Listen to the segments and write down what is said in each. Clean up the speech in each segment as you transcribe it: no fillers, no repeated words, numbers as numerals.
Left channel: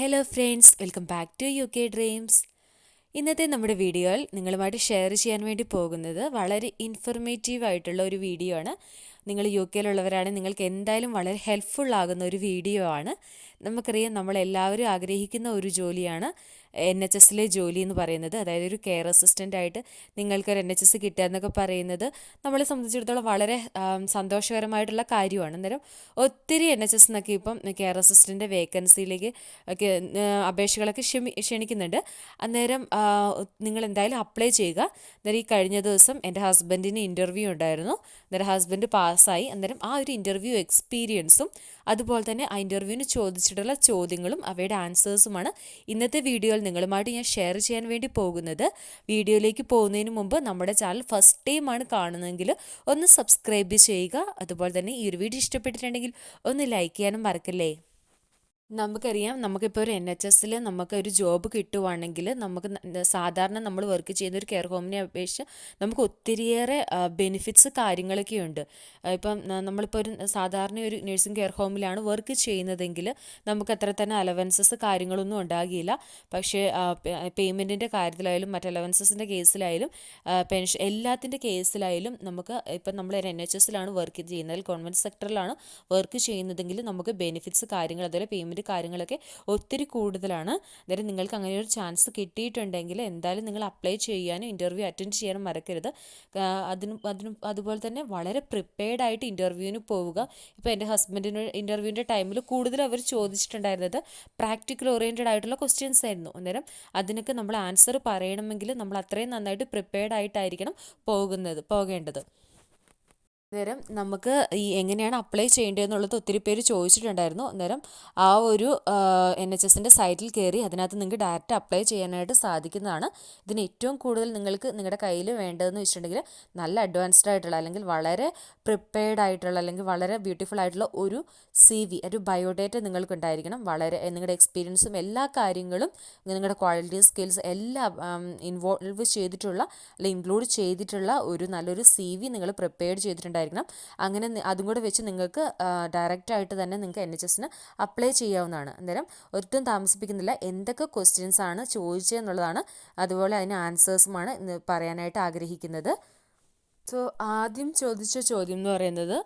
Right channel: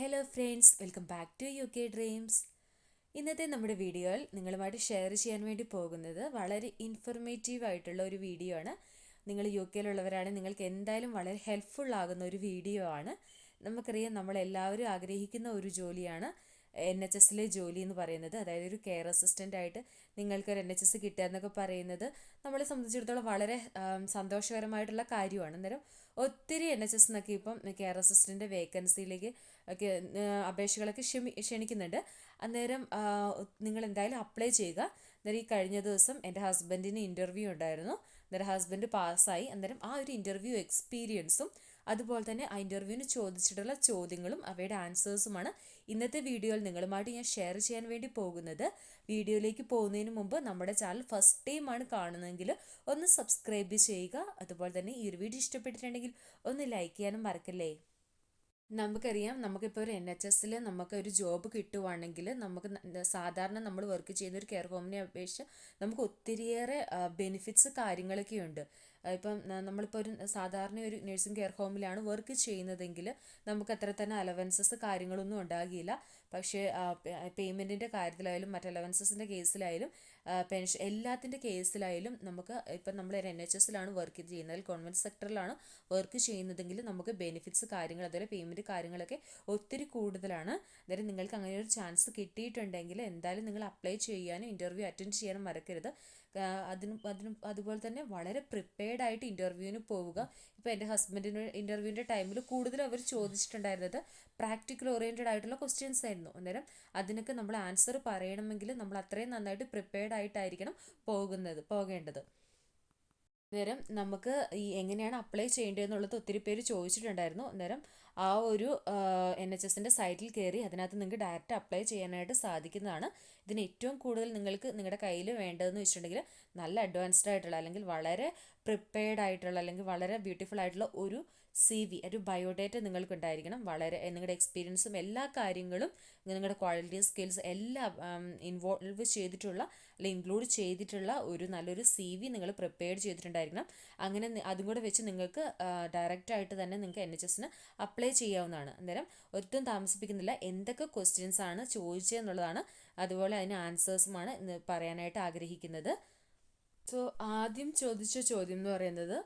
Hello friends, welcome back to U K Dreams. ഇന്നത്തെ നമ്മുടെ വീഡിയോയിൽ നിങ്ങളുമായിട്ട് ഷെയർ ചെയ്യാൻ വേണ്ടി പോകുന്നത് വളരെ ഇൻഫർമേറ്റീവ് ആയിട്ടുള്ള ഒരു വീഡിയോ ആണ്. നിങ്ങൾ യു കെയിലുള്ളവരാണ്, നിങ്ങൾക്ക് എന്തായാലും വളരെ ഹെൽപ്ഫുൾ ആകുന്ന ഒരു വീഡിയോ ആണ്. നമുക്കറിയാം, നമ്മളെല്ലാവരും ആഗ്രഹിക്കുന്ന ഒരു ജോലിയാണ് NHSലെ ജോലി എന്ന് പറയുന്നത്. അതായത് ഒരു കെയർ അസിസ്റ്റൻ്റ് ആയിട്ട് നിങ്ങൾക്കൊരു NHS കിട്ടുക എന്നൊക്കെ പറയുന്നത് നമ്മളെ സംബന്ധിച്ചിടത്തോളം വളരെ സന്തോഷകരമായിട്ടുള്ള കാര്യമാണ്. അന്നേരം ഒത്തിരി NHS എന്നൊക്കെ ഇപ്പം കെയർ അസിസ്റ്റൻ്റ് വേക്കൻസിയിലേക്ക് ഒക്കെ അപേക്ഷകളൊക്കെ ക്ഷണിക്കുന്നുണ്ട്. അന്നേരം നിങ്ങൾ എന്തായാലും അപ്ലൈ ചെയ്യുക. അന്നേരം ഈ കഴിഞ്ഞ ദിവസം എൻ്റെ ഹസ്ബൻഡിന് ഇൻ്റർവ്യൂ ഉണ്ടായിരുന്നു. അന്നേരം ഹസ്ബൻഡ് പാസ്സായി. അന്നേരം ആ ഒരു ഇൻ്റർവ്യൂ എക്സ്പീരിയൻസും അതുപോലെ തന്നെ ആ ഇൻ്റർവ്യൂവിന് ചോദിച്ചിട്ടുള്ള ചോദ്യങ്ങളും അവയുടെ ആൻസേഴ്സുമാണ് ഇന്നത്തെ വീഡിയോയിൽ നിങ്ങളുമായിട്ട് ഞാൻ ഷെയർ ചെയ്യാൻ വേണ്ടി പോകുന്നത്. വീഡിയോയിലേക്ക് പോകുന്നതിന് മുമ്പ് നമ്മുടെ ചാനൽ ഫസ്റ്റ് ടൈമാണ് കാണുന്നതെങ്കിൽ ഒന്ന് സബ്സ്ക്രൈബ് ചെയ്യുക. അതുപോലെ തന്നെ ഈ ഒരു വീഡിയോ ഇഷ്ടപ്പെട്ടിട്ടുണ്ടെങ്കിൽ ഒന്ന് ലൈക്ക് ചെയ്യാനും മറക്കല്ലേ. നമുക്കറിയാം, നമുക്കിപ്പോൾ ഒരു NHSൽ നമുക്ക് ഒരു ജോബ് കിട്ടുവാണെങ്കിൽ നമുക്ക് സാധാരണ നമ്മൾ വർക്ക് ചെയ്യുന്ന ഒരു കെയർ ഹോമിനെ അപേക്ഷിച്ച് നമുക്ക് ഒത്തിരിയേറെ ബെനിഫിറ്റ്സ് കാര്യങ്ങളൊക്കെ ഉണ്ട്. ഇപ്പം നമ്മളിപ്പോൾ ഒരു സാധാരണ ഒരു നഴ്സിംഗ് കെയർ ഹോമിലാണ് വർക്ക് ചെയ്യുന്നതെങ്കിൽ നമുക്ക് അത്ര തന്നെ അലവൻസസ് കാര്യങ്ങളൊന്നും ഉണ്ടാകില്ല. പക്ഷേ പേയ്മെൻറ്റിൻ്റെ കാര്യത്തിലായാലും മറ്റ് അലവൻസസിൻ്റെ കേസിലായാലും പെൻഷൻ എല്ലാത്തിൻ്റെ കേസിലായാലും നമുക്ക് ഇപ്പം നമ്മൾ ഒരു NHSലാണ് വർക്ക് ചെയ്യുന്നത്, ഗവൺമെൻറ് സെക്ടറിലാണ് വർക്ക് ചെയ്യുന്നതെങ്കിൽ നമുക്ക് ബെനിഫിറ്റ്സ് കാര്യങ്ങൾ അതുപോലെ പേയ്മെൻറ്റ് കാര്യങ്ങളൊക്കെ ഒത്തിരി കൂടുതലാണ്. അന്നേരം നിങ്ങൾക്ക് അങ്ങനെ ഒരു ചാൻസ് കിട്ടിയിട്ടുണ്ടെങ്കിൽ എന്തായാലും നിങ്ങൾ അപ്ലൈ ചെയ്യാനും ഇൻ്റർവ്യൂ അറ്റൻഡ് ചെയ്യാനും മറക്കരുത്. അതുപോലെ തന്നെ വളരെ പ്രിപ്പയർഡ് ആയിട്ട് ഇൻ്റർവ്യൂവിന് പോവുക. ഇപ്പോൾ എൻ്റെ ഹസ്ബൻഡിന് ഇൻ്റർവ്യൂവിൻ്റെ ടൈമിൽ കൂടുതൽ അവർ ചോദിച്ചിട്ടുണ്ടായിരുന്നത് പ്രാക്ടിക്കൽ ഓറിയൻറ്റഡ് ആയിട്ടുള്ള ക്വസ്റ്റ്യൻസ് ആയിരുന്നു. അന്നേരം അതിനൊക്കെ നമ്മൾ ആൻസർ പറയണമെങ്കിൽ നമ്മൾ അത്രയും നന്നായിട്ട് പ്രിപ്പയർഡ് ആയിട്ടായിരിക്കണം പോകേണ്ടത്. അന്നേരം നമുക്ക് ഈ എങ്ങനെയാണ് അപ്ലൈ ചെയ്യേണ്ടതെന്നുള്ളത് ഒത്തിരി പേര് ചോദിച്ചിട്ടുണ്ടായിരുന്നു. അന്നേരം ആ ഒരു NHSൻ്റെ സൈറ്റിൽ കയറി അതിനകത്ത് നിങ്ങൾക്ക് ഡയറക്റ്റ് അപ്ലൈ ചെയ്യാനായിട്ട് സാധിക്കുന്നതാണ്. ഇതിന് ഏറ്റവും കൂടുതൽ നിങ്ങൾക്ക് നിങ്ങളുടെ കയ്യിൽ വേണ്ടതെന്ന് വെച്ചിട്ടുണ്ടെങ്കിൽ നല്ല അഡ്വാൻസ്ഡ് ആയിട്ടുള്ള അല്ലെങ്കിൽ വളരെ പ്രിപ്പയർഡ് ആയിട്ടുള്ള അല്ലെങ്കിൽ വളരെ ബ്യൂട്ടിഫുൾ ആയിട്ടുള്ള ഒരു CV, ഒരു ബയോഡേറ്റ നിങ്ങൾക്ക് ഉണ്ടായിരിക്കണം. വളരെ നിങ്ങളുടെ എക്സ്പീരിയൻസും എല്ലാ കാര്യങ്ങളും നിങ്ങളുടെ ക്വാളിറ്റി സ്കിൽസ് എല്ലാം ഇൻവോൾവ് ചെയ്തിട്ടുള്ള അല്ലെങ്കിൽ ഇൻക്ലൂഡ് ചെയ്തിട്ടുള്ള ഒരു നല്ലൊരു CV നിങ്ങൾ പ്രിപ്പയർ ചെയ്തിട്ടുണ്ടായിരിക്കണം. അങ്ങനെ അതും കൂടെ വെച്ച് നിങ്ങൾക്ക് ഡയറക്റ്റായിട്ട് തന്നെ നിങ്ങൾക്ക് NHSന് അപ്ലൈ ചെയ്യാവുന്നതാണ്. അന്നേരം ഒട്ടും താമസിപ്പിക്കുന്നില്ല, എന്തൊക്കെ ക്വസ്റ്റ്യൻസ് ആണ് ചോദിച്ചതെന്നുള്ളതാണ് അതുപോലെ അതിന് ആൻസേഴ്സുമാണ് ഇന്ന് പറയാനായിട്ട് ആഗ്രഹിക്കുന്നത്. സോ ആദ്യം ചോദിച്ച ചോദ്യം എന്ന് പറയുന്നത്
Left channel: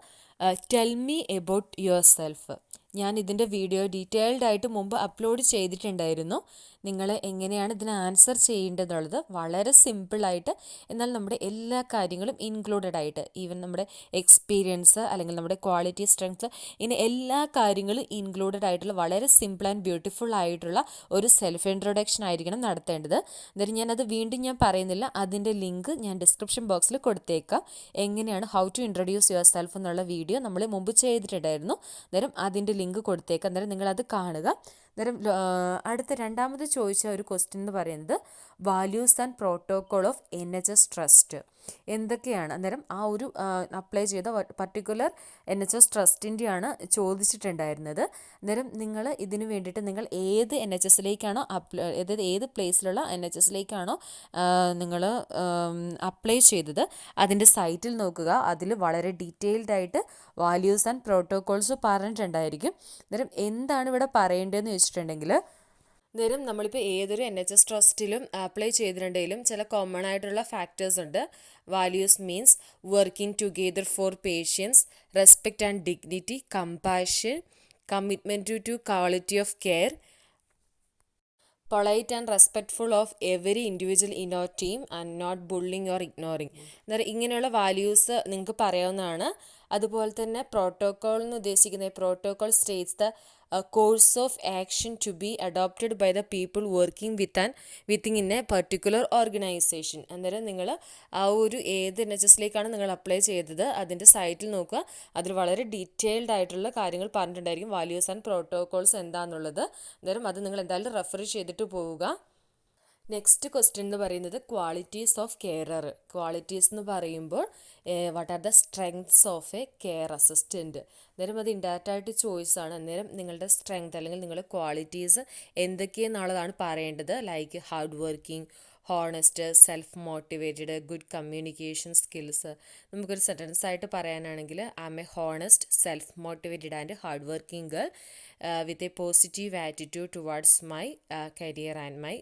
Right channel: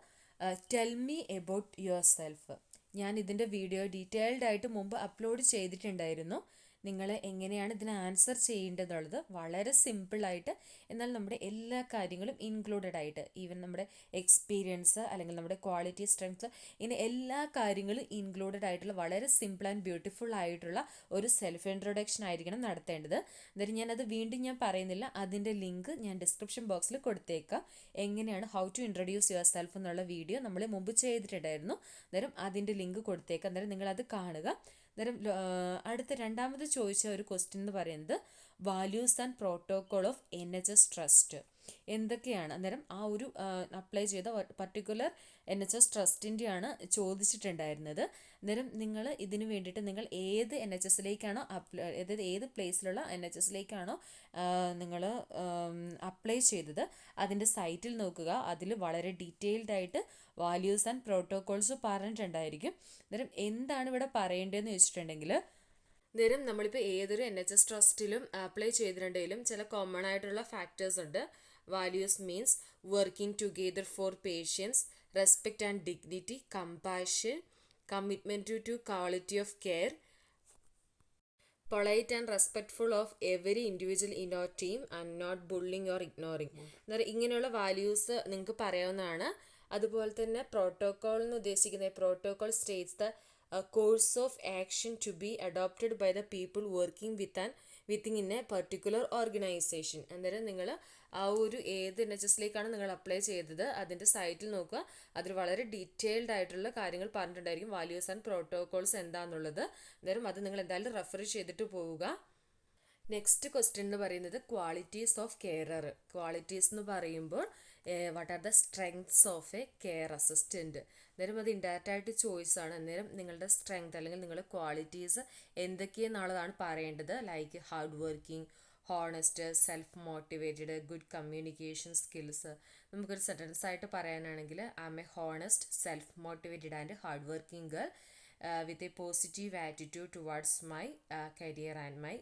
tell me about your self. ഞാൻ ഇതിൻ്റെ വീഡിയോ ഡീറ്റെയിൽഡ് ആയിട്ട് മുമ്പ് അപ്ലോഡ് ചെയ്തിട്ടുണ്ടായിരുന്നു. നിങ്ങൾ എങ്ങനെയാണ് ഇതിന് ആൻസർ ചെയ്യേണ്ടതെന്നുള്ളത് വളരെ സിമ്പിളായിട്ട്, എന്നാൽ നമ്മുടെ എല്ലാ കാര്യങ്ങളും ഇൻക്ലൂഡഡ് ആയിട്ട്, ഈവൻ നമ്മുടെ എക്സ്പീരിയൻസ് അല്ലെങ്കിൽ നമ്മുടെ ക്വാളിറ്റി സ്ട്രെങ്ത്, ഇങ്ങനെ എല്ലാ കാര്യങ്ങളും ഇൻക്ലൂഡഡ് ആയിട്ടുള്ള വളരെ സിമ്പിൾ ആൻഡ് ബ്യൂട്ടിഫുൾ ആയിട്ടുള്ള ഒരു സെൽഫ് ഇൻട്രൊഡക്ഷൻ ആയിരിക്കണം നടത്തേണ്ടത്. എന്നിട്ട് ഞാനത് വീണ്ടും ഞാൻ പറയുന്നില്ല, അതിൻ്റെ ലിങ്ക് ഞാൻ ഡിസ്ക്രിപ്ഷൻ ബോക്സിൽ കൊടുത്തേക്കാം. എങ്ങനെയാണ് how to introduce yourself എന്നുള്ള വീഡിയോ നമ്മൾ മുമ്പ് ചെയ്തിട്ടുണ്ടായിരുന്നു. അന്നേരം അതിൻ്റെ ലിങ്ക് കൊടുത്തേക്കാം. അന്നേരം നിങ്ങളത് കാണുക. അന്നേരം അടുത്ത രണ്ടാമത് ചോദിച്ച ഒരു ക്വസ്റ്റ്യൻ എന്ന് പറയുന്നത് values and protocol of NHS trust എന്തൊക്കെയാണ്. അന്നേരം ആ ഒരു അപ്ലൈ ചെയ്ത പർട്ടിക്കുലർ NHS ട്രസ്റ്റിൻ്റെയാണ് ചോദിച്ചിട്ടുണ്ടായിരുന്നത്. അന്നേരം നിങ്ങൾ ഇതിന് വേണ്ടിയിട്ട് നിങ്ങൾ ഏത് NHSലേക്കാണോ അതായത് ഏത് പ്ലേസിലുള്ള NHSലേക്കാണോ നിങ്ങൾ അപ്ലൈ ചെയ്തത് അതിൻ്റെ സൈറ്റിൽ നോക്കുക. അതിൽ വളരെ ഡീറ്റെയിൽഡ് ആയിട്ട് വാല്യൂസ് ആൻഡ് പ്രോട്ടോകോൾസ് പറഞ്ഞിട്ടുണ്ടായിരിക്കും. അന്നേരം എന്താണ് ഇവിടെ പറയേണ്ടതെന്ന് വെച്ചിട്ടുണ്ടെങ്കിൽ, അന്നേരം നമ്മളിപ്പോൾ ഏതൊരു NHS ട്രസ്റ്റിലും അപ്ലൈ ചെയ്തിട്ടുണ്ടെങ്കിലും ചില കോമൺ ആയിട്ടുള്ള ഫാക്ടേഴ്സ് ഉണ്ട്. Values means working together for patience, respect and dignity, compassion, commitment to quality of care, polite and respectful of every individual in our team and not bullying or ignoring. അന്നേരം ഇങ്ങനെയുള്ള values നിങ്ങൾക്ക് പറയാവുന്നതാണ്. അതുപോലെ തന്നെ protocol എന്ന് ഉദ്ദേശിക്കുന്നത് protocol states the course of action to be adopted by the people working within in a particular organisation. അന്നേരം നിങ്ങൾ ആ ഒരു ഏത് NHSലേക്കാണ് നിങ്ങൾ അപ്ലൈ ചെയ്തത് അതിൻ്റെ സൈറ്റിൽ നോക്കുക. അതിൽ വളരെ ഡീറ്റെയിൽഡ് ആയിട്ടുള്ള കാര്യങ്ങൾ പറഞ്ഞിട്ടുണ്ടായിരിക്കും, വാല്യൂസ് ആൻഡ് പ്രോട്ടോകോൾസ് എന്താണെന്നുള്ളത്. അന്നേരം അത് നിങ്ങൾ എന്തായാലും റെഫർ ചെയ്തിട്ട് പോവുക. നെക്സ്റ്റ് ക്വസ്റ്റ്യൻ എന്ന് പറയുന്നത് ക്വാളിറ്റീസ് ഓഫ് കെയറർ. ക്വാളിറ്റീസ് എന്ന് പറയുമ്പോൾ what are the strengths of A care assistant. അന്നേരം അത് ഇൻഡയറക്റ്റ് ആയിട്ട് ചോയ്സാണ്. അന്നേരം നിങ്ങളുടെ സ്ട്രെങ്ത് അല്ലെങ്കിൽ നിങ്ങളുടെ ക്വാളിറ്റീസ് എന്തൊക്കെയെന്നുള്ളതാണ് പറയേണ്ടത്. Like hard working, honest, self motivated, good communication skills. നമുക്കൊരു സെൻറ്റൻസ് ആയിട്ട് പറയാനാണെങ്കിൽ I M A honest, self motivated and hard working girl. With a positive attitude towards my career and my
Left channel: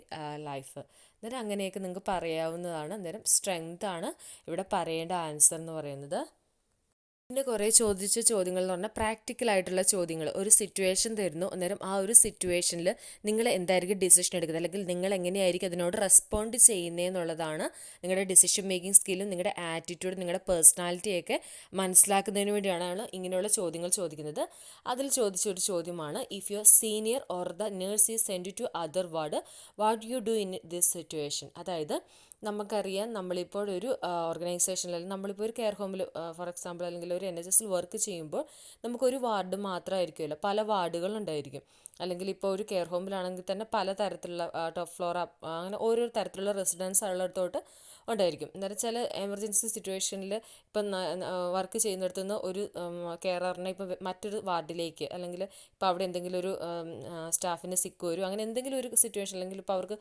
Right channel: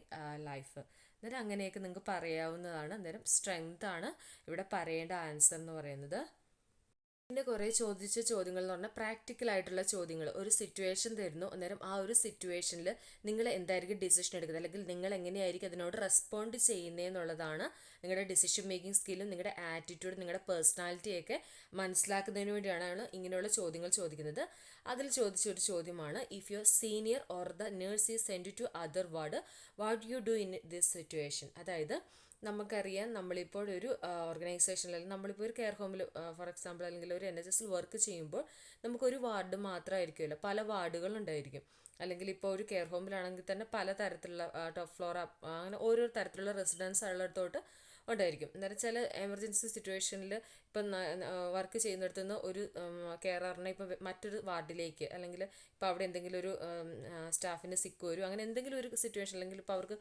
life. അന്നേരം അങ്ങനെയൊക്കെ നിങ്ങൾക്ക് പറയാവുന്നതാണ്. അന്നേരം strength ആണ് ഇവിടെ പറയേണ്ട ആൻസർ എന്ന് പറയുന്നത്. പിന്നെ കുറേ ചോദിച്ച ചോദ്യങ്ങൾ എന്ന് പറഞ്ഞാൽ പ്രാക്ടിക്കലായിട്ടുള്ള ചോദ്യങ്ങൾ. ഒരു സിറ്റുവേഷൻ തരുന്നു, അന്നേരം ആ ഒരു സിറ്റുവേഷനിൽ നിങ്ങൾ എന്തായിരിക്കും ഡിസിഷൻ എടുക്കുന്നത്, അല്ലെങ്കിൽ നിങ്ങൾ എങ്ങനെയായിരിക്കും അതിനോട് റെസ്പോണ്ട് ചെയ്യുന്നതെന്നുള്ളതാണ് നിങ്ങളുടെ ഡിസിഷൻ മേക്കിംഗ് സ്കില്ലും നിങ്ങളുടെ ആറ്റിറ്റ്യൂഡ് നിങ്ങളുടെ പേഴ്സണാലിറ്റിയൊക്കെ മനസ്സിലാക്കുന്നതിന് വേണ്ടിയാണ് ഇങ്ങനെയുള്ള ചോദ്യങ്ങൾ ചോദിക്കുന്നത്. അതിൽ ചോദിച്ചൊരു ചോദ്യമാണ്, if your senior or the nurse is send to other ward, what you do in this situation. അതായത് നമുക്കറിയാം, നമ്മളിപ്പോൾ ഒരു ഓർഗനൈസേഷനിൽ, നമ്മളിപ്പോൾ ഒരു കെയർ ഹോമിൽ ഫോർ എക്സാമ്പിൾ അല്ലെങ്കിൽ ഒരു NHSൽ വർക്ക് ചെയ്യുമ്പോൾ നമുക്കൊരു വാർഡ് മാത്രമായിരിക്കുമല്ലോ, പല വാർഡുകളുണ്ടായിരിക്കും. അല്ലെങ്കിൽ ഇപ്പോൾ ഒരു കെയർ ഹോമിലാണെങ്കിൽ തന്നെ പല തരത്തിലുള്ള ടോപ്പ് ഫ്ലോർ അങ്ങനെ ഓരോ തരത്തിലുള്ള റെസിഡൻസ് ഉള്ളിടത്തോട്ട് ഉണ്ടായിരിക്കും. അന്നേരം ചില എമർജൻസി സിറ്റുവേഷനിൽ ഇപ്പം വർക്ക് ചെയ്യുന്നിടത്തു നിന്ന് ഒരു കെയററിനെ ഇപ്പോൾ മറ്റൊരു വാർഡിലേക്ക്, അല്ലെങ്കിൽ ഇപ്പോൾ അവിടെ എന്തെങ്കിലും ഒരു സ്റ്റാഫിന് സിക്ക് വരും, അങ്ങനെ എന്തെങ്കിലും ഒരു സിറ്റുവേഷൻ, അല്ലെങ്കിൽ ഇപ്പോൾ അവർക്ക്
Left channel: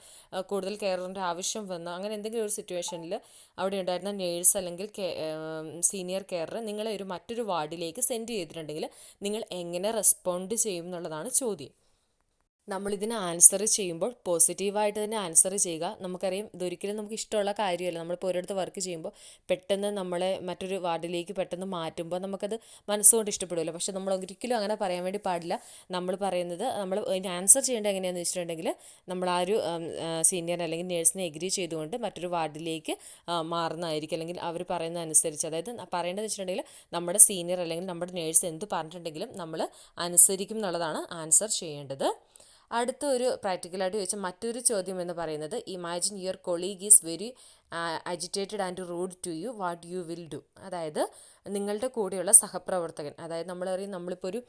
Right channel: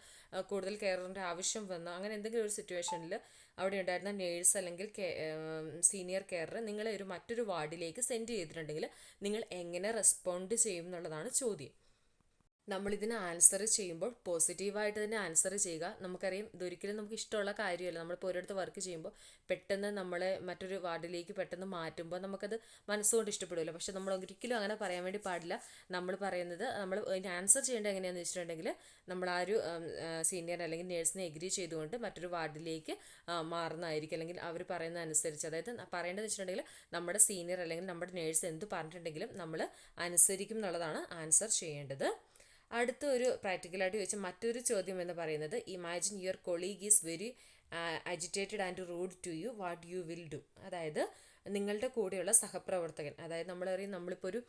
കൂടുതൽ കെയറിൻ്റെ ആവശ്യം വന്നു, അങ്ങനെ എന്തെങ്കിലും ഒരു സിറ്റുവേഷനിൽ അവിടെ ഉണ്ടായിരുന്ന നേഴ്സ് അല്ലെങ്കിൽ സീനിയർ കെയറർ നിങ്ങളെ ഒരു മറ്റൊരു വാർഡിലേക്ക് സെൻഡ് ചെയ്തിട്ടുണ്ടെങ്കിൽ നിങ്ങൾ എങ്ങനെ റെസ്പോണ്ട് ചെയ്യും എന്നുള്ളതാണ് ചോദ്യം. നമ്മളിതിന് ആൻസർ ചെയ്യുമ്പോൾ പോസിറ്റീവായിട്ട് തന്നെ ആൻസർ ചെയ്യുക. നമുക്കറിയാം, ഇതൊരിക്കലും നമുക്ക് ഇഷ്ടമുള്ള കാര്യമല്ല. നമ്മളിപ്പോൾ ഒരിടത്ത് വർക്ക് ചെയ്യുമ്പോൾ പെട്ടെന്ന് നമ്മളെ മറ്റൊരു വാർഡിലേക്ക് പെട്ടെന്ന് മാറ്റുമ്പോൾ നമുക്കത് മനസ്സുകൊണ്ട് ഇഷ്ടപ്പെടുമല്ലോ. പക്ഷെ നമ്മൾ ഒരിക്കലും അങ്ങനെ പറയാൻ വേണ്ടി പാടില്ല. നമ്മൾ പറയുന്നത്, നമ്മൾ അതിന് ആൻസർ ചെയ്യേണ്ടത് എങ്ങനെയാണെന്ന് വെച്ചിട്ടുണ്ടെങ്കിൽ, നമ്മൾ ആ ഒരു സീനിയർ അല്ലെങ്കിൽ നേഴ്സിനെ എഗ്രി ചെയ്തുകൊണ്ട് മറ്റൊരു വാർഡിലേക്ക് മാറുന്നതായിരിക്കും. അല്ലെങ്കിൽ അവർ പറയുന്ന അനുസരിച്ച്, അതായത് പറയേണ്ടതെന്ന് വെച്ചിട്ടുണ്ടെങ്കിൽ നമ്മുടെ സീനിയർ അല്ലെങ്കിൽ നമ്മുടെ നേഴ്സ് എന്ത് പറഞ്ഞിട്ടുണ്ടെങ്കിലും നമ്മൾ അനുസരിക്കും എന്നുള്ളതാണ് ആൻസർ ചെയ്യേണ്ടത്. അടുത്ത ഒരു പ്രാക്ടിക്കലായിട്ട് ചോദിച്ച മറ്റൊരു ചോദ്യം എന്ന് പറയുന്നത്, imagine your colleague is very agitated and rude to you, what you will do. അതായത് നിങ്ങളുടെ കൂടെയുള്ള സഹപ്രവർത്തകൻ, അതായത് നമ്മളിപ്പോൾ ഒരു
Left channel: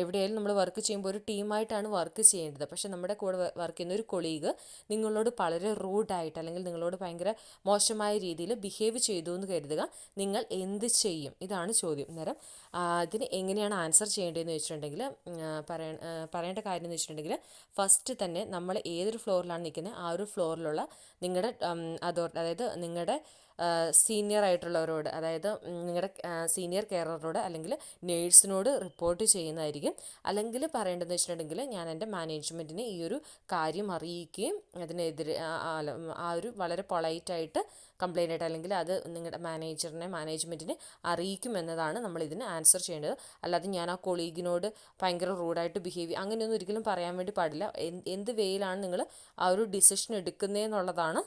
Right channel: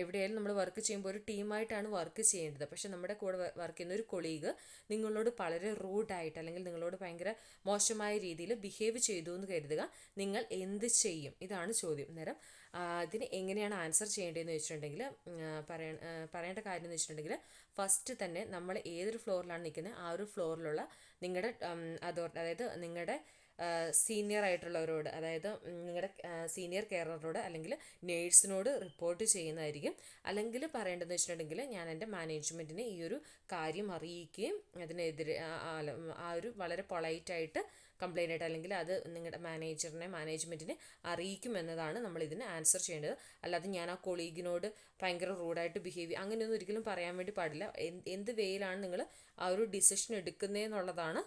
എവിടെയായാലും നമ്മൾ വർക്ക് ചെയ്യുമ്പോൾ ഒരു ടീമായിട്ടാണ് വർക്ക് ചെയ്യേണ്ടത്. പക്ഷേ നമ്മുടെ കൂടെ വർക്ക് ചെയ്യുന്ന ഒരു കൊളീഗ് നിങ്ങളോട് വളരെ റൂഡായിട്ട് അല്ലെങ്കിൽ നിങ്ങളോട് ഭയങ്കര മോശമായ രീതിയിൽ ബിഹേവ് ചെയ്തു എന്ന് കരുതുക. നിങ്ങൾ എന്ത് ചെയ്യും? ഇതാണ് ചോദ്യം. അന്നേരം ഇതിന് എങ്ങനെയാണ് ആൻസർ ചെയ്യേണ്ടതെന്ന് വെച്ചിട്ടുണ്ടെങ്കിൽ, പറയേണ്ട കാര്യം എന്ന് വെച്ചിട്ടുണ്ടെങ്കിൽ, ഫസ്റ്റ് തന്നെ നമ്മൾ ഏതൊരു ഫ്ലോറിലാണ് നിൽക്കുന്നത് ആ ഒരു ഫ്ലോറിലുള്ള നിങ്ങളുടെ അതായത് നിങ്ങളുടെ സീനിയർ ആയിട്ടുള്ളവരോട്, അതായത് നിങ്ങളുടെ സീനിയർ കെയററോട് അല്ലെങ്കിൽ നേഴ്സിനോട് റിപ്പോർട്ട് ചെയ്യുന്നതായിരിക്കും. അല്ലെങ്കിൽ പറയേണ്ടതെന്ന് വെച്ചിട്ടുണ്ടെങ്കിൽ, ഞാൻ എൻ്റെ മാനേജ്മെൻറ്റിനെ ഈ ഒരു കാര്യം അറിയിക്കുകയും അതിനെതിരെ ആ ഒരു വളരെ പൊളൈറ്റായിട്ട് കംപ്ലൈൻ്റ് ആയിട്ട്, അല്ലെങ്കിൽ അത് നിങ്ങളുടെ മാനേജ്മെൻറ്റിനെ അറിയിക്കുമെന്നതാണ് നമ്മളിതിന് ആൻസർ ചെയ്യേണ്ടത്. അല്ലാതെ ഞാൻ ആ കൊളീഗിനോട് ഭയങ്കര റൂഡായിട്ട് ബിഹേവ് ചെയ്യുക അങ്ങനെയൊന്നും ഒരിക്കലും പറയാൻ വേണ്ടി പാടില്ല. എന്ത് വേയിലാണ് നിങ്ങൾ ആ ഒരു ഡിസിഷൻ എടുക്കുന്നതെന്നുള്ളതാണ്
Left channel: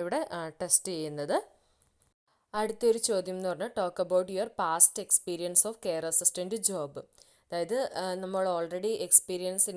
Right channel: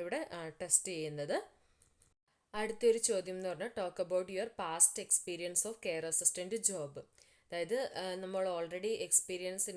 ഇവിടെ ടെസ്റ്റ് ചെയ്യുന്നത്. അടുത്തൊരു ചോദ്യം എന്ന് പറഞ്ഞാൽ, talk about your past experience of care assistant job. അതായത് നമ്മൾ ഓൾറെഡി എക്സ്പീരിയൻസ്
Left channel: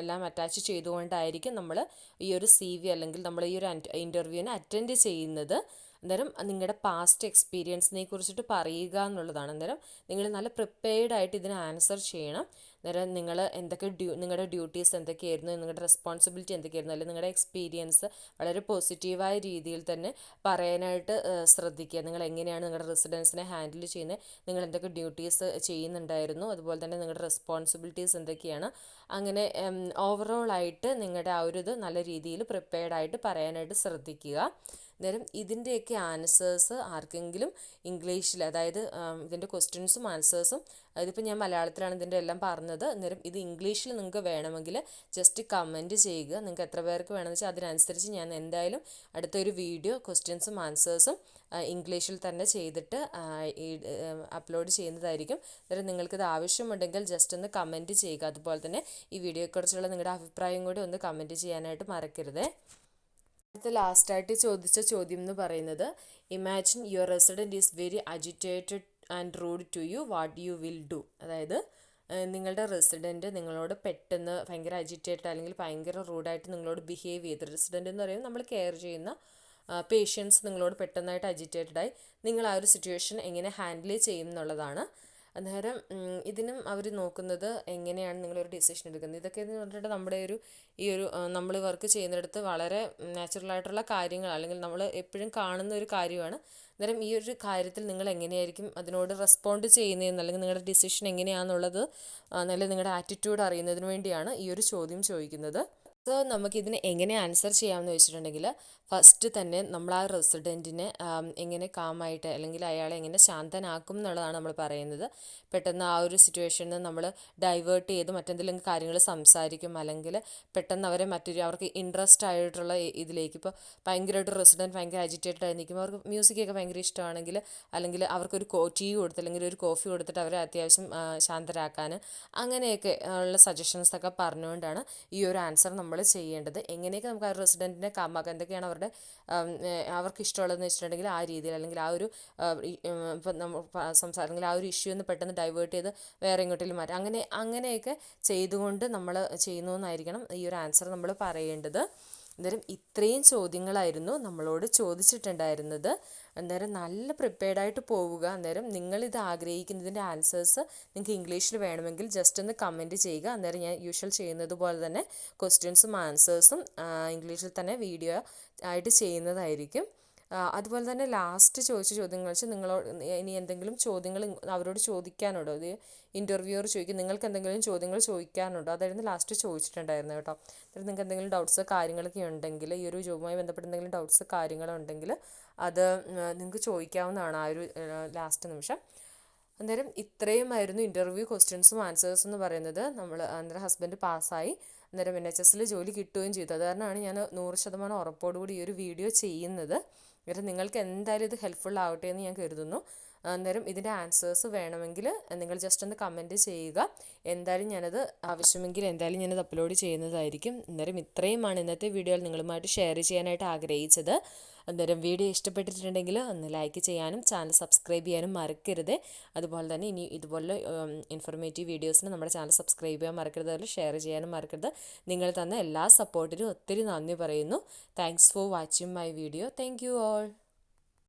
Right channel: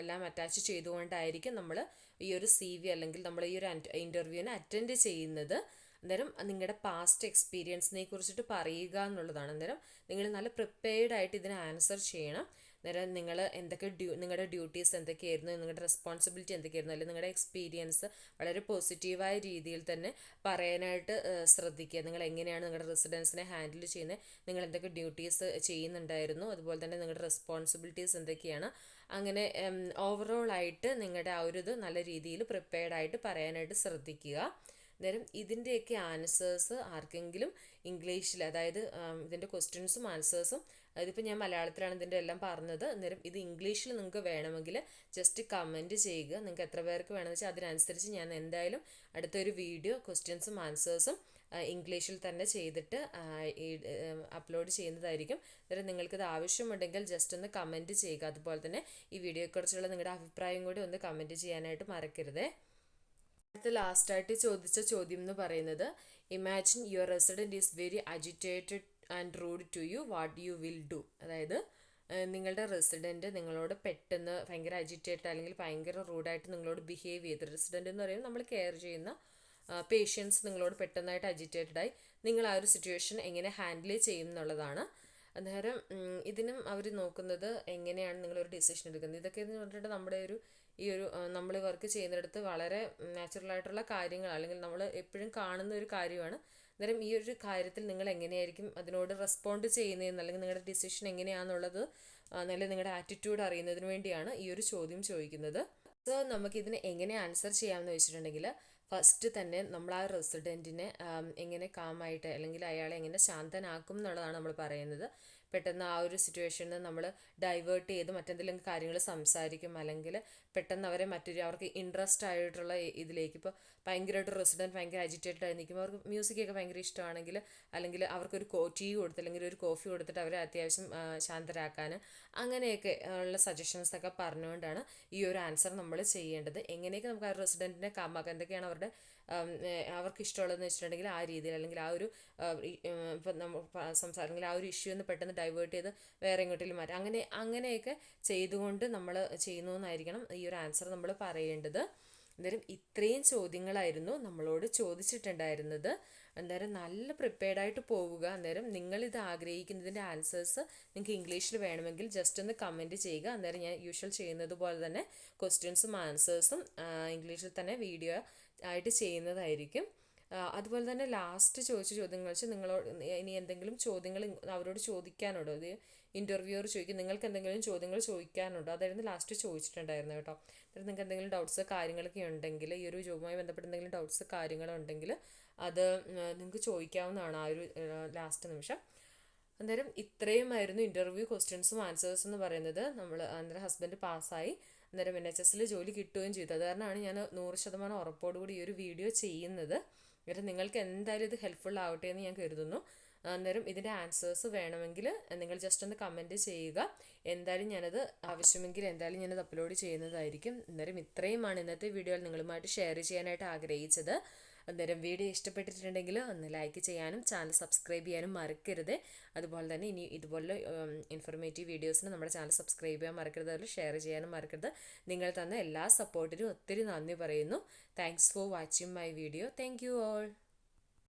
എല്ലാം അറ്റാച്ച് ചെയ്തുകൊണ്ടായിരിക്കും നമ്മൾ ഈ ഒരു CV അല്ലെങ്കിൽ നമ്മൾ ഈ ഒരു ഇൻ്റർവ്യൂവിന് അറ്റൻഡ് ചെയ്യുന്നത്. അന്നേരം നിങ്ങളുടെ പാസ്റ്റ് എക്സ്പീരിയൻസിനെ കുറിച്ചിട്ട് പറയുക എന്നുള്ളതാണ്. അന്നേരം നിങ്ങൾ നല്ല പ്രിപ്പയർഡ് ആയിട്ട് ഇതിന് ആൻസർ ചെയ്യണം. അന്നേരം നിങ്ങൾ എന്തൊക്കെ നിങ്ങളുടെ ഡ്യൂട്ടീസ് എന്തൊക്കെയായിരുന്നു, നിങ്ങളുടെ റെസ്പോൺസിബിലിറ്റി എന്തൊക്കെയായിരുന്നു, അല്ലെങ്കിൽ നിങ്ങളുടെ എക്സ്പീരിയൻസ് വളരെ പോസിറ്റീവായ രീതിയിൽ തന്നെ പറയാനായിട്ട് ശ്രദ്ധിക്കുക. നിങ്ങൾ എങ്ങനെയാണ് നിങ്ങളുടെ റെസിഡൻസിനെ ഹാൻഡിൽ ചെയ്യുന്നത്, നിങ്ങൾ എന്തൊക്കെ ഡ്യൂട്ടീസ് ചെയ്യുന്നുണ്ടായിരുന്നു, അതുപോലെ തന്നെ നിങ്ങളുടെ റെസ്പോൺസിബിലിറ്റീസ് എന്തൊക്കെയാണ്, അങ്ങനെ ഓവറോളായിട്ട് നിങ്ങളുടെ ആ ഒരു ഇത് നല്ല രീതിയിൽ പ്രിപ്പയർഡ് ആയിട്ട് പറയാനായിട്ട് ശ്രദ്ധിക്കുക. അന്നേരം ഇതിൻ്റെയൊക്കെ ആൻസേഴ്സ് ആർക്കെങ്കിലും ഇംഗ്ലീഷിൽ, അതായത് ഇതിൻ്റെ ക്വസ്റ്റ്യൻസും ആൻസേഴ്സും, അതിപ്പോൾ ഞാൻ മലയാളത്തിലാണ് ഇതിൻ്റെ എല്ലാം പറഞ്ഞത്. അന്നേരം ഇത് ഇംഗ്ലീഷിൽ നിങ്ങൾക്ക് വേണമെങ്കിൽ ജസ്റ്റ് കമൻറ്റ് ചെയ്യുക. നിങ്ങൾക്ക് എത്ര പേർക്ക് വേണമെന്ന് വെച്ചാൽ അതിനനുസരിച്ച് ഞാൻ എന്തായാലും അടുത്തൊരു വീഡിയോ ക്വസ്റ്റ്യൻസും ആൻസേഴ്സും ഇംഗ്ലീഷിൽ തന്നെ ചെയ്തിട്ട് അപ്ലോഡ് ചെയ്യുന്നതായിരിക്കും. അന്നേരം നിങ്ങൾക്കിത് ആവശ്യമുണ്ടെങ്കിൽ ജസ്റ്റ് ഒന്ന് കമൻറ്റ് ചെയ്യുക. അതുപോലെ തന്നെ ഈ വീഡിയോയെക്കുറിച്ചുള്ള നിങ്ങളുടെ അഭിപ്രായം കൂടി ഒന്ന് കമൻറ്റ് ചെയ്യാനായിട്ട് മറക്കരുത്. അടുത്ത ലാസ്റ്റായിട്ട് ചോദിച്ച ചോദ്യം എന്ന് പറയുന്നത്, imagine your resident is very agitated and rude to you, what you will do. അതായത് നിങ്ങളുടെ റെസിഡൻറ്റ് നിങ്ങളോട് പെട്ടെന്ന് ഭയങ്കര അജിറ്റേറ്റഡ് അല്ലെങ്കിൽ ഭയങ്കര റൂഡായിട്ട് നിങ്ങളോട് ബിഹേവ് ചെയ്ത്, റെസിഡൻറ്റ് എന്ന് പറയുന്നത് നമ്മൾ കെയർ ചെയ്യുന്ന പേഷ്യൻസ് നിങ്ങളോട് പെട്ടെന്നായിട്ട് അജിറ്റേറ്റഡായി, നിങ്ങൾ ആ ഒരു സിറ്റുവേഷൻ എങ്ങനെ ഹാൻഡിൽ ചെയ്യും എന്നുള്ളതാണ്. അന്നേരം ഇതിനും അവർ നോക്കുന്നത് എങ്ങനെയാണ് നിങ്ങളൊരു ഡിസിഷൻ എടുക്കുന്നത്. ഇതൊക്കെ എന്ന് പറഞ്ഞിട്ട് നമ്മുടെ ഈ ഒരു നമ്മൾ വർക്ക് ചെയ്യുന്നിടത്ത് വളരെ നാച്ചുറലായിട്ടുള്ള കാര്യങ്ങൾ, അല്ലെങ്കിൽ നമ്മൾ എപ്പോഴും കാണുന്ന ഒരു കാര്യമാണ്. അന്നേരം ഈ ഒരു കാര്യത്തിൽ നിങ്ങൾ എങ്ങനെയായിരിക്കും അതിനോട് റെസ്പോണ്ട് ചെയ്യുന്നതെന്ന്, അല്ലെങ്കിൽ നിങ്ങളുടെ ഡിസിഷൻ എങ്ങനെയാണെന്നുള്ളത് നല്ല നിങ്ങളുടെ ആറ്റിറ്റ്യൂഡ് അറിയുന്നതിന് വേണ്ടിയാണ് ഈ ഒരു ചോദ്യം ചോദിക്കുന്നത്. സോ നമുക്കിതിന് എങ്ങനെ ആൻസർ ചെയ്യാമെന്ന് വെച്ചിട്ടുണ്ടെങ്കിൽ, ഫസ്റ്റ് തന്നെ നമ്മൾ ആ റെസിഡൻറ്റിനെ എങ്ങനെ കാമായിട്ട് അല്ലെങ്കിൽ അയാളെ എങ്ങനെ ശാന്തനാക്കും എന്നുള്ളതാണ് നമ്മൾ പറയുന്നത്. പെട്ടെന്ന് ആ ഒരു സിറ്റുവേഷനിൽ നമ്മൾ ഡൈവേർട്ട് ചെയ്ത് മറ്റെന്തെങ്കിലും കാര്യങ്ങൾ സംസാരിക്കും, അല്ലെങ്കിൽ പെട്ടെന്ന് അവരെ അവർക്ക് ഇൻട്രസ്റ്റ് ആയിട്ടുള്ള ഇതിലേക്ക്, ഇപ്പോൾ ഭയങ്കരമായിട്ട് റെസിഡൻറ്റ് ഭയങ്കര അജിറ്റേറ്റഡ് ആയി നിൽക്കുമ്പോൾ അവർക്ക് മ്യൂസിക്കൊക്കെ ഭയങ്കര ഇഷ്ടമാണെങ്കിൽ, അല്ലെങ്കിൽ അവർക്കൊരു ടീ കൊടുത്ത് അല്ലെങ്കിൽ ഒരു കോഫി കൊടുത്തിട്ട് അവരെ അത്യാവശ്യം ശാന്തരാക്കാൻ, അങ്ങനെയൊക്കെ ഉള്ള സജഷൻസൊക്കെ പറഞ്ഞുകൊണ്ടാണ് ഈ ഒരു ആൻസർ നമ്മൾ ചെയ്യേണ്ടത്. എങ്ങനെയൊക്കെ നമുക്ക് ആ റെസിഡൻറ്റിനെ കാമാക്കാം, എന്തൊക്കെയാണ് അവർക്ക് ഇഷ്ടമുള്ളതെന്ന് വെച്ചിട്ടുണ്ടെങ്കിൽ ആ രീതിയിൽ, അല്ലെങ്കിൽ ആ ഒരു ഇപ്പം നമ്മൾ അല്ലെങ്കിൽ ആ ഒരു ഇഷ്യൂ എന്ന് പെട്ടെന്ന് ഡൈവേർട്ട് ചെയ്ത് വേറെ എങ്ങോട്ടെങ്കിലും മാറ്റാം, അങ്ങനെയൊക്കെ ചെയ്തുകൊണ്ട് നമ്മൾ ചെയ്യുന്നതെന്നായിരിക്കണം ഈ ഒരു ആൻസർ നമ്മൾ പറയേണ്ടത്. അന്നേരം ഇത്രയും ചോദ്യങ്ങളായിരുന്നു നമ്മളോട് ചോദിച്ചിട്ടുണ്ടായിരുന്നത്. അന്നേരം നല്ല പ്രിപ്പയർഡായിട്ട് പോവുക. അന്നേരം നിങ്ങളിത് ആഗ്രഹിക്കുന്നതിൻ്റെ ആൻസേഴ്സ് നിങ്ങൾക്ക് ഇംഗ്ലീഷിൽ വേണമെങ്കിൽ ജസ്റ്റ് ഒന്ന് കമൻറ്റ് ചെയ്യുക. അന്നേരം ഞാൻ യൂഷ്വൽ ചെയ്യുന്നത് പോലെ തന്നെ ക്വസ്റ്റ്യൻസും ആൻസേഴ്സും ഇംഗ്ലീഷിൽ തന്നെ വീഡിയോ ആയിട്ട് ചെയ്യുന്നതായിരിക്കും. അതുപോലെ തന്നെ ലാസ്റ്റ് ചോദിച്ച ചോദ്യങ്ങൾ വെച്ച് നിങ്ങളോട് ഇനി എന്തെങ്കിലും ചോദ്യങ്ങൾ അവരോട് ചോദിക്കാനുണ്ടോ, അത് ഇൻ്റർവ്യൂവർ ചോദിക്കും നിങ്ങൾക്ക് എന്തെങ്കിലും ചോദ്യങ്ങൾ ചോദിക്കാനുണ്ടോ, അതായിരുന്നു ലാസ്റ്റ് ചോദിച്ചിട്ടുണ്ടായിരുന്നു കേട്ടോ. അതായത് നിങ്ങൾക്ക് എന്തെങ്കിലും ഡൗട്ട്സ് കാര്യങ്ങളൊക്കെ ഉണ്ടെങ്കിൽ, ഈ ഒരു ജോബുമായി ബന്ധപ്പെട്ട് എന്തെങ്കിലും ഡൗട്ട്സ് കാര്യങ്ങളുണ്ടെങ്കിൽ അത് നിങ്ങൾക്ക് ചോദിക്കാവുന്നതാണ് ആ ഒരു ലാസ്റ്റ് നിമിഷം. അന്നേരം ഇത്രയുമായിരുന്നു ഇൻ്റർവ്യൂ ക്വസ്റ്റ്യൻസും ആൻസേഴ്സും എന്ന് പറയുന്നത്. അന്നേരം ഹസ്ബൻഡ് പാസ്സായി, അന്നേരം NHS ജോലി കിട്ടുകയും ചെയ്തു. അത് കാരണമാണ് ഞാൻ 100% ഉറപ്പോടുകൂടി ഈ ഒരു വീഡിയോ ചെയ്യുന്നത്. അന്നേരം നിങ്ങൾക്ക് എന്തായാലും ഇത് ഹെൽപ്ഫുൾ ആവട്ടെ എന്ന് ഞാൻ കരുതുന്നു. അന്നേരം ഇതിൻ്റെ ആൻസേഴ്സ് വേണമെങ്കിൽ നിങ്ങൾ ജസ്റ്റ് ഒന്ന് കമൻറ്റ് ചെയ്യുക. എന്തായാലും ഞാനത് അപ്ലോഡ് ചെയ്യുന്നതായിരിക്കും. അന്നേരം ഇത്രയുമാണ് ഇന്നത്തെ വീഡിയോയിൽ നിങ്ങളുമായിട്ട് ഷെയർ ചെയ്യാനായിട്ട് ആഗ്രഹിച്ചത്. അന്നേരം വീഡിയോ ഇഷ്ടപ്പെട്ടിട്ടുണ്ടെങ്കിൽ ഒന്ന് ലൈക്ക് ചെയ്യാനും ചാനൽ സബ്സ്ക്രൈബ് ചെയ്യാനും മറക്കരുത്. അതുപോലെ തന്നെ ഇനി ഇതുപോലെ ഇൻഫോർമേറ്റീവ് വീഡിയോസിന് നമ്മുടെ ചാനൽ സബ്സ്ക്രൈബ് ചെയ്യാൻ മറക്കരുത്, അതുപോലെ ഷെയർ ചെയ്യാനും മറക്കരുത്. നിങ്ങൾ തന്ന എല്ലാ സപ്പോർട്ടിനും ഒത്തിരി നന്ദി പറയുന്നു. Thanks for watching my video. Thank you all.